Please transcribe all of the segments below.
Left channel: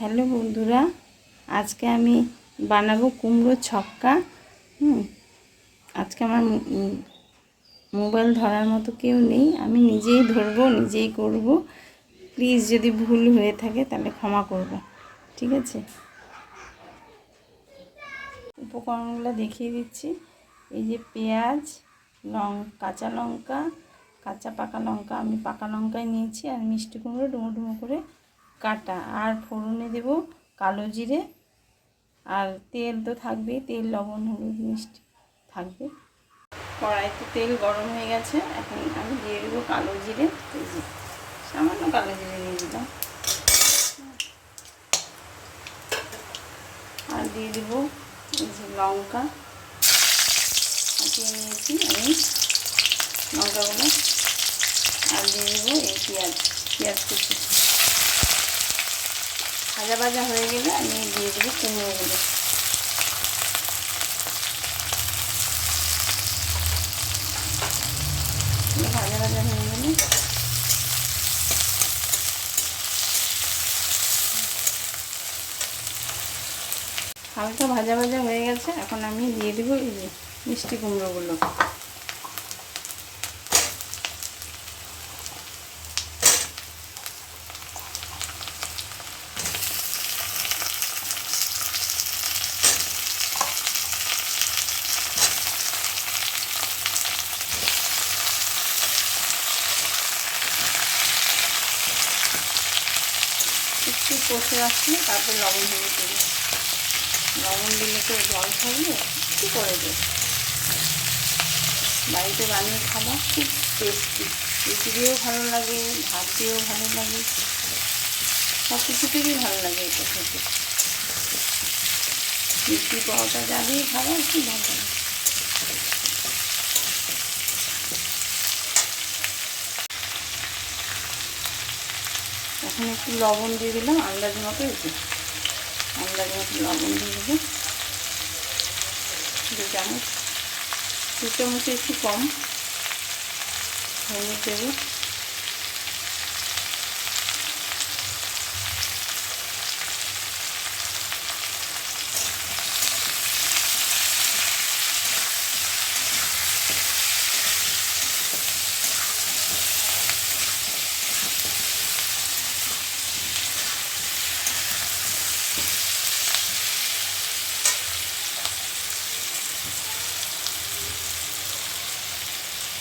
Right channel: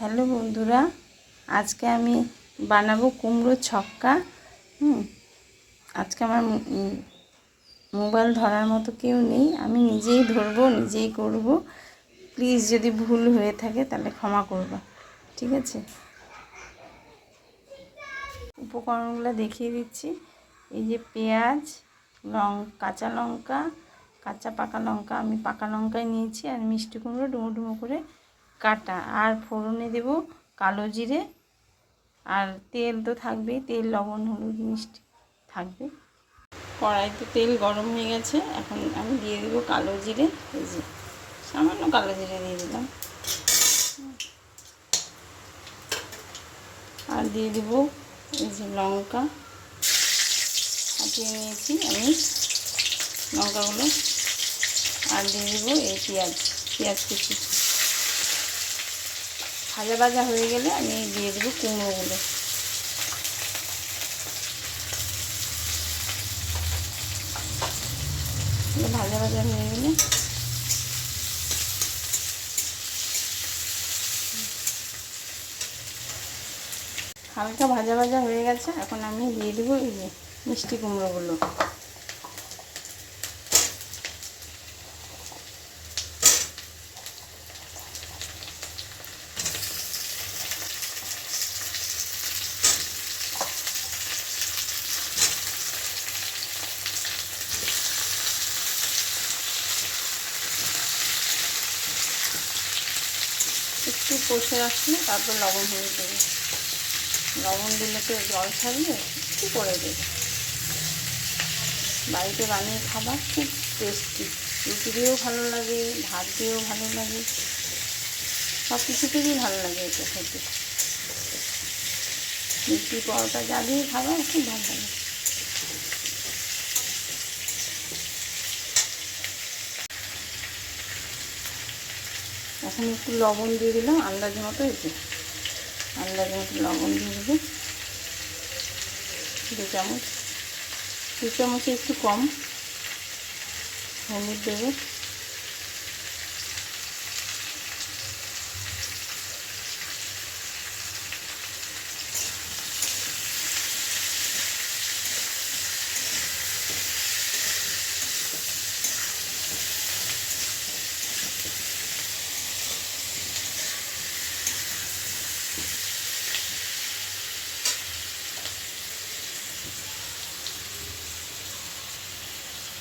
Hello বন্ধুরা, আজকে আমি বানাবো কুমড়োর ছক্কা। আজকে আমার মোবাইল ধরার মতো কেউ নেই, আমি নিজেই ধরবো, নিজেই করব। প্লিজ যদি ভুল হয়ে থাকে তাহলে ক্ষমা করবে, ঠিক আছে? উপকরণগুলো দেখিয়ে দিচ্ছি। এই যে পেঁয়াজ, কাঁচা লঙ্কা, কাঁচা পাকা লঙ্কা, আমি পাকা লঙ্কাই নিয়েছি, আর মিষ্টি কুমড়ো ডুমো ডুমো করে কাটা। আর ফোড়নে দেব কালো জিরে, আর তেল তো থাকবেই, তেল লবণ হলুদ মিষ্টি থাকবে। কড়াইতে তেল গরম হয়ে গেছে, এখন আমি দিয়ে দেবো কালো জিরে। এই যে সামান্য কালো জিরে দিয়ে দিলাম, আর দিয়ে দেবো এই যে লঙ্কা হাতিয়ে নিয়েছি আমি লঙ্কাগুলো, আর দিয়ে দেবো এই পেঁয়াজ কুচি। ভাজা ভাজা হয়ে গেলে আমি দিয়ে দেবো কুমড়োগুলো। ভাজা ভাজা হয়ে গেলে হালকা ভাজা ভাজা হয়ে গেছে, এখন আমি দিয়ে দেবো এই যে মিষ্টি কুমড়োগুলো। একটু কষে রাখলে তারপর লবণ হয়ে দেবে। লবণ দিলে তো জল থাকবে, একটু করে দেবে। বাড়িতে বানিয়ে খাবার খুব টেস্টি, রুটি দিয়েও ভালো লাগে, ভাত দিয়েও ভালো লাগে, সব কিছু থেকেই ভালো লাগে এটা খেতে। রুটি পরোটা যা দিয়ে খাবার খুব ভালো লাগে। এখন একটু লবণ দিয়ে দিলাম আন্দাজ মতো, আন্দাজ মতো লবণ দিয়ে দেবো 2 চামচ, 2 চামচে একটু কম। হলুদ দেবো,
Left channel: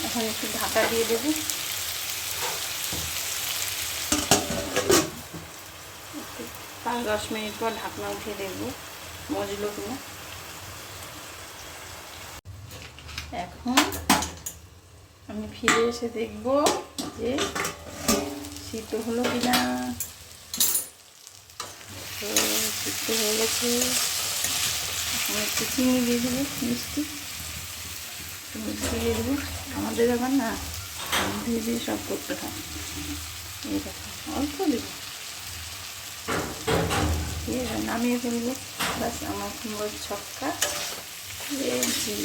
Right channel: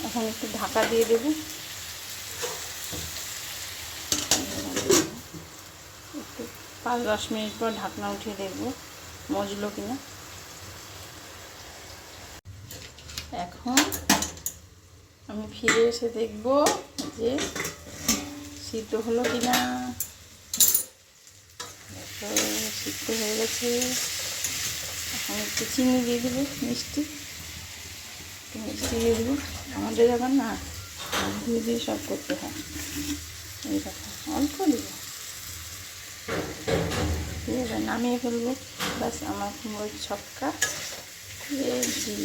এখন একটু ঢাকা দিয়ে দেবো। একটু 5-10 মিনিট পর ঢাকনা উঠিয়ে দেখবো মজলো কিনা। এখন আমি ফিরে এসে দেখবো যে সিদ্ধ হলো কিনা। তো সিদ্ধ হয়ে গেছে। এখন একটু চিনি দিয়ে দেবো, মিষ্টি দিয়ে দেবো। আমাদের আবার না দিয়ে দিয়ে সব করতে হয়, এইরকম অল্প দেবো দিয়ে নামিয়ে ফেলবো। ব্যাস আমার কুমড়োর ছক্কা রেডি।